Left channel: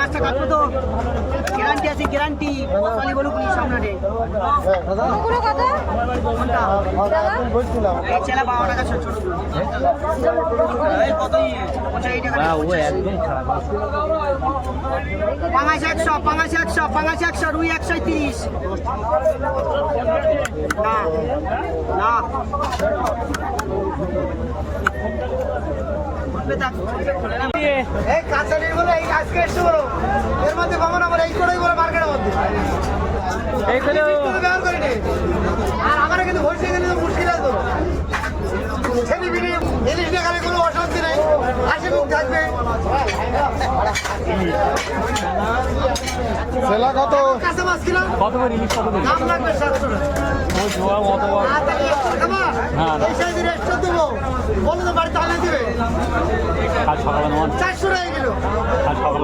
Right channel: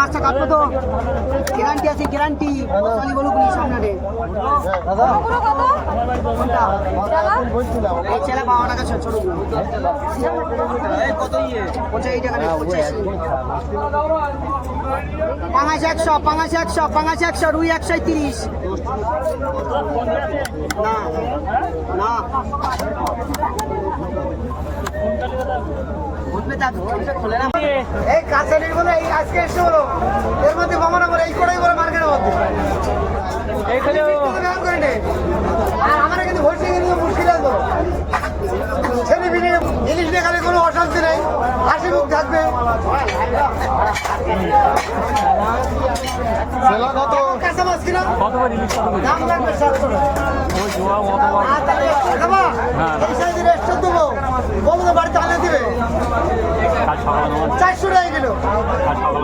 মাছটা কাটবে তো গ্যারান্টি আছে, গ্যারান্টি বসালি বলুক নি সামনে ওগুলো কত টাকা? এই ছেলে 12 টাকা ছোট ছোট এই কত ইয়ে 85 টাকা পাঙাশ 100 পাঙাশ 100 পাঙাশ 100 রুই 130 না না এই কাঁচালির বলে এই আজকে এসে বলো এর মধ্যে কমানো বলে এই কোটাই বলে মার্কেটের মধ্যে এই করে ব্যবহার করে নেই আর আমার কিন্তু ভর্তি কিন্তু মুশকিল আছে তো ছেলে বিয়ে ইলিশ নিয়ে খালে কোনো অশান্তি নেই হাসি মুখ থাকবে সেলা কত কাঁচা মাছ কিনা কত করে ইলিশ কত করে দাম লাগবে 700 টাকা ওই জোয়া কত হ্যাঁ এই সাইজে রেস্ট দেবো বলো তো বাড়িতে আনে দিবে কাল সকালে 400 টাকা কিলো কাল সকালে